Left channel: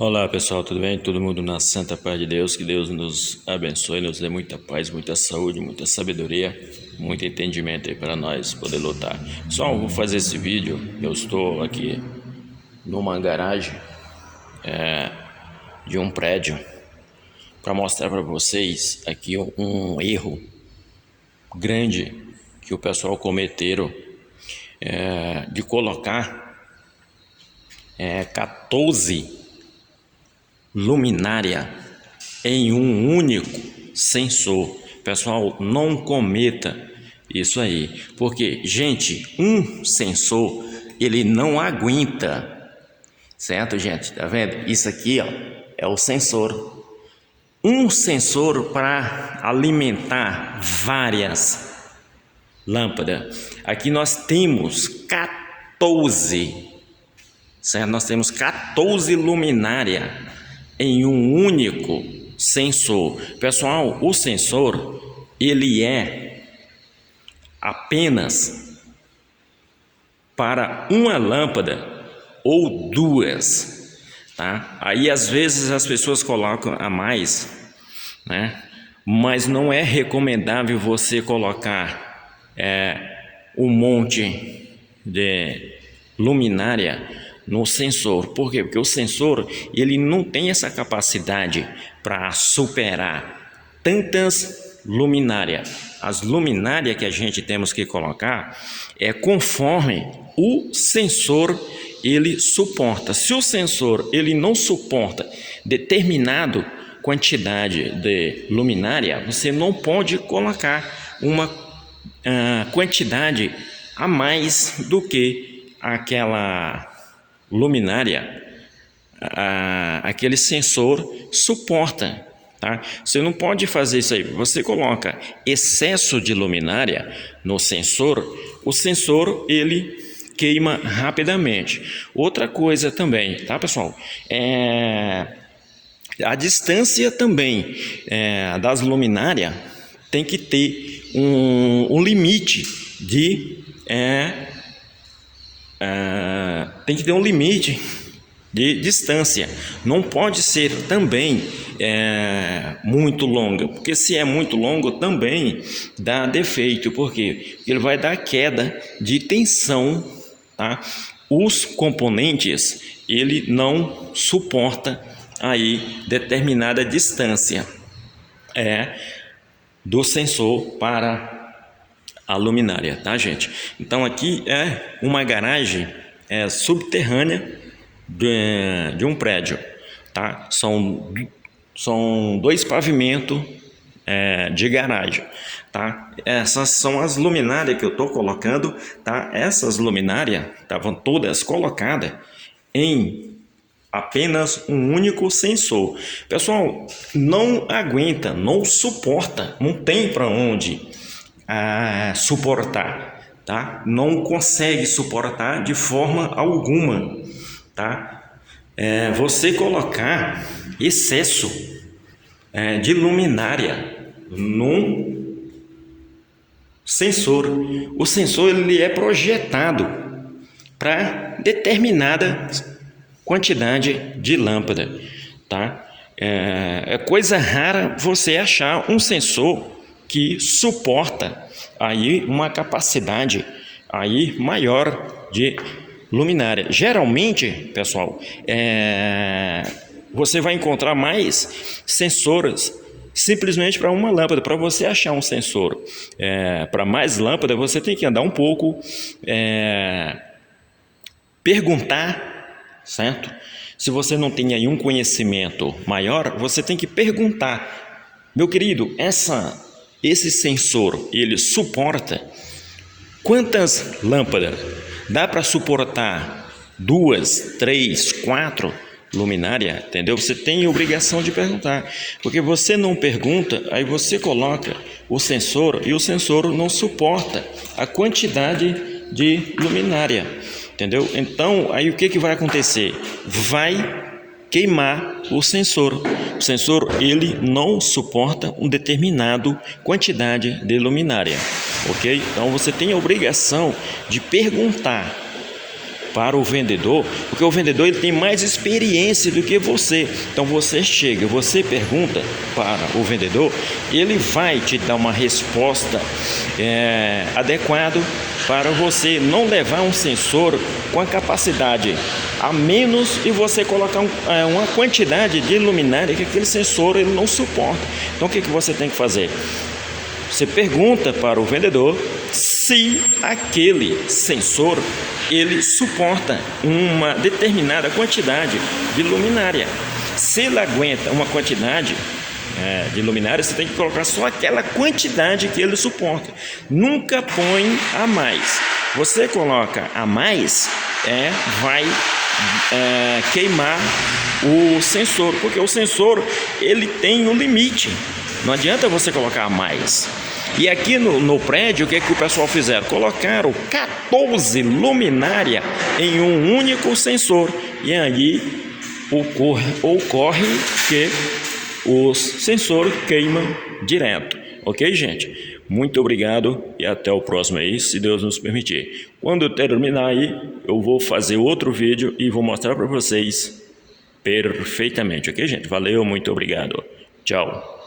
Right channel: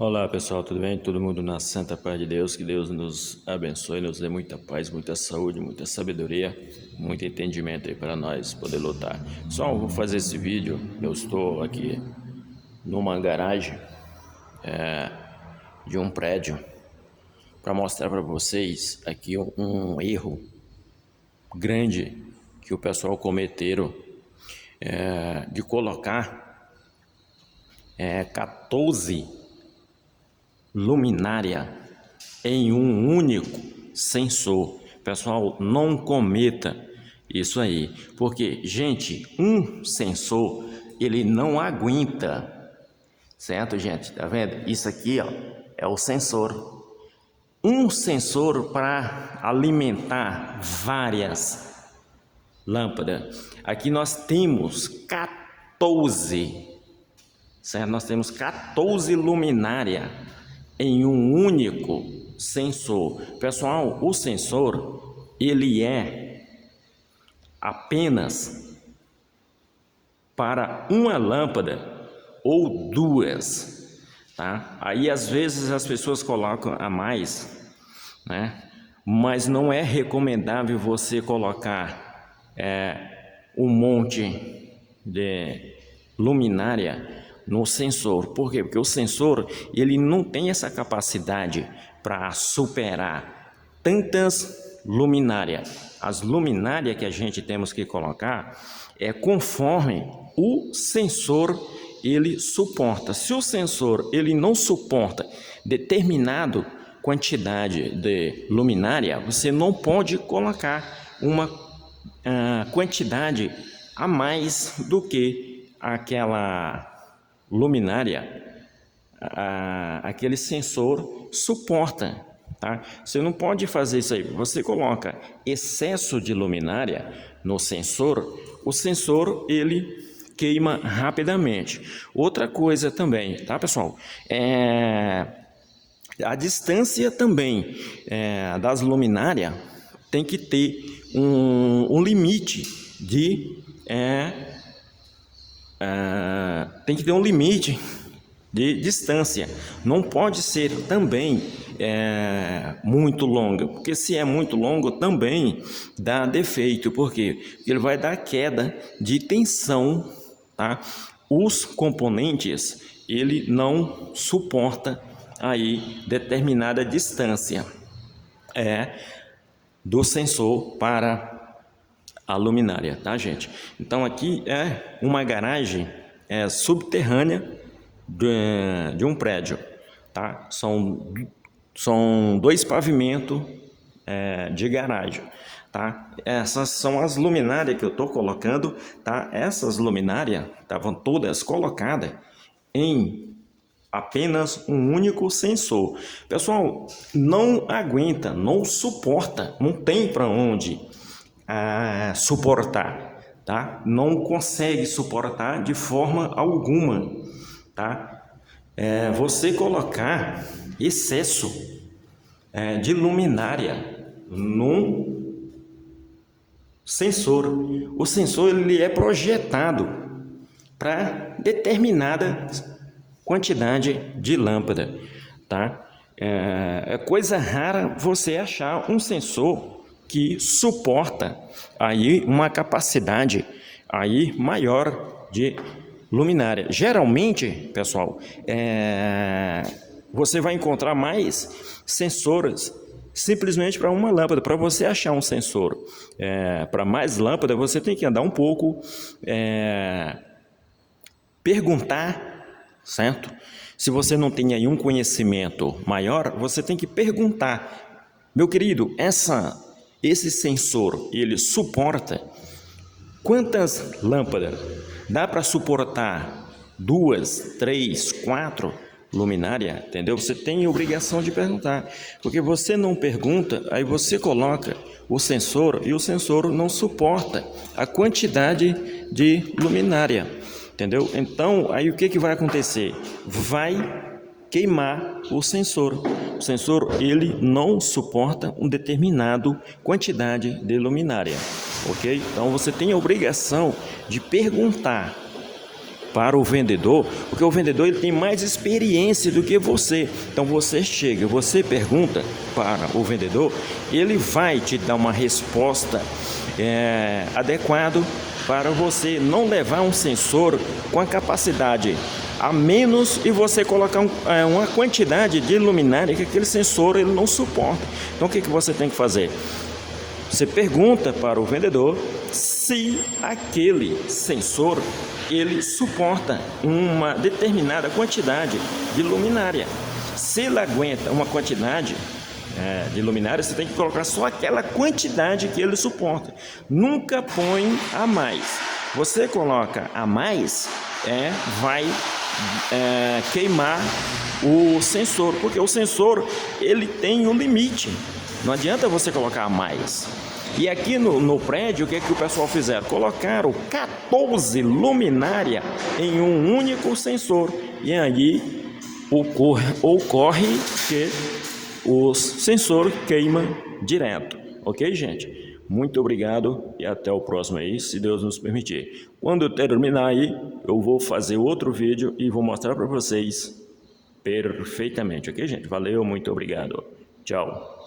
Olá pessoal, tudo bem? Todo mundo na santa paz de Deus, que Deus nos abençoe, nos dê muita paz, muita saúde, muita sabedoria, muito entendimento aí para nós poder lutar. Pessoal, eu vou fazer esse vídeo, eu estou aqui numa garagem de um prédio para mostrar para vocês aqui um erro grande que o pessoal cometeram de colocar 14 luminária em um único sensor. Pessoal, não cometa isso aí, porque, gente, um sensor ele não aguenta, certo, gente? Tá vendo? Isso aqui, ó, é o sensor. Um sensor para alimentar várias lâmpadas. Aqui nós temos 14, certo? Nós temos 14 luminária em um único sensor. Pessoal, o sensor ele é apenas para uma lâmpada ou duas, tá? Aí às vezes as pessoas colocam a mais, né? Mas não é recomendável você colocar um monte de luminária no sensor. Por quê? Porque o sensor ele não tem essa capacidade para superar tantas luminárias. As luminárias que a gente temos que colocar é conforme o sensor ele suporta. Se o sensor ele não suporta determinado quantidade de luminária, você não pode colocar uma quantidade a mais do que aquela luminária, aquele sensor suporta, tá? Você não pode fazer isso aí. Você coloca excesso de luminária no sensor, o sensor ele queima rapidamente. Outra coisa também, tá, pessoal? A distância também das luminárias tem que ter um limite de tem que ter um limite de distância. Não pode ser também muito longa, porque se é muito longo também dá defeito, porque ele vai dar queda de tensão, tá? Os componentes ele não suporta aí determinada distância do sensor para a luminária, tá, gente? Então aqui é uma garagem subterrânea de um prédio, tá? São dois pavimentos de garagem, tá? Essas são as luminárias que eu tô colocando, tá? Essas luminárias estavam todas colocadas em apenas um único sensor. Pessoal, não aguenta, não suporta, não tem para onde suportar, tá? Não consegue suportar de forma alguma, tá? Você colocar excesso de luminária num sensor. O sensor ele é projetado para determinada quantidade de lâmpada, tá? É coisa rara você achar um sensor que suporta aí uma capacidade aí maior de luminária. Geralmente, pessoal, você vai encontrar mais sensores simplesmente para uma lâmpada. Para você achar um sensor para mais lâmpada, você tem que andar um pouco, perguntar, certo? Se você não tem aí um conhecimento maior, você tem que perguntar: meu querido, esse sensor, ele suporta quantas lâmpadas? Dá para suportar 2, 3, 4 luminárias? Entendeu? Você tem a obrigação de perguntar, porque você não pergunta, aí você coloca o sensor e o sensor não suporta a quantidade de luminária, entendeu? Então, aí o que vai acontecer? Vai queimar o sensor. O sensor ele não suporta um determinado quantidade de luminária, ok? Então você tem a obrigação de perguntar para o vendedor, porque o vendedor ele tem mais experiência do que você. Então você chega, você pergunta para o vendedor, ele vai te dar uma resposta adequada para você não levar um sensor com a capacidade a menos e você colocar uma quantidade de luminária que aquele sensor ele não suporta. Então o que você tem que fazer? Você pergunta para o vendedor se aquele sensor ele suporta uma determinada quantidade de luminária. Se ele aguenta uma quantidade de luminária, você tem que colocar só aquela quantidade que ele suporta. Nunca põe a mais. Você coloca a mais, vai queimar o sensor, porque o sensor ele tem um limite. Não adianta você colocar a mais. E aqui no prédio, o que o pessoal fizeram? Colocaram 14 luminárias em um único sensor. E aí ocorre que os sensores queimam direto. Ok, gente? Muito obrigado e até o próximo aí, se Deus nos permitir. Quando eu terminar aí, eu vou fazer outro vídeo e vou mostrar para vocês perfeitamente. Ok, gente? Valeu, muito obrigado. Tchau.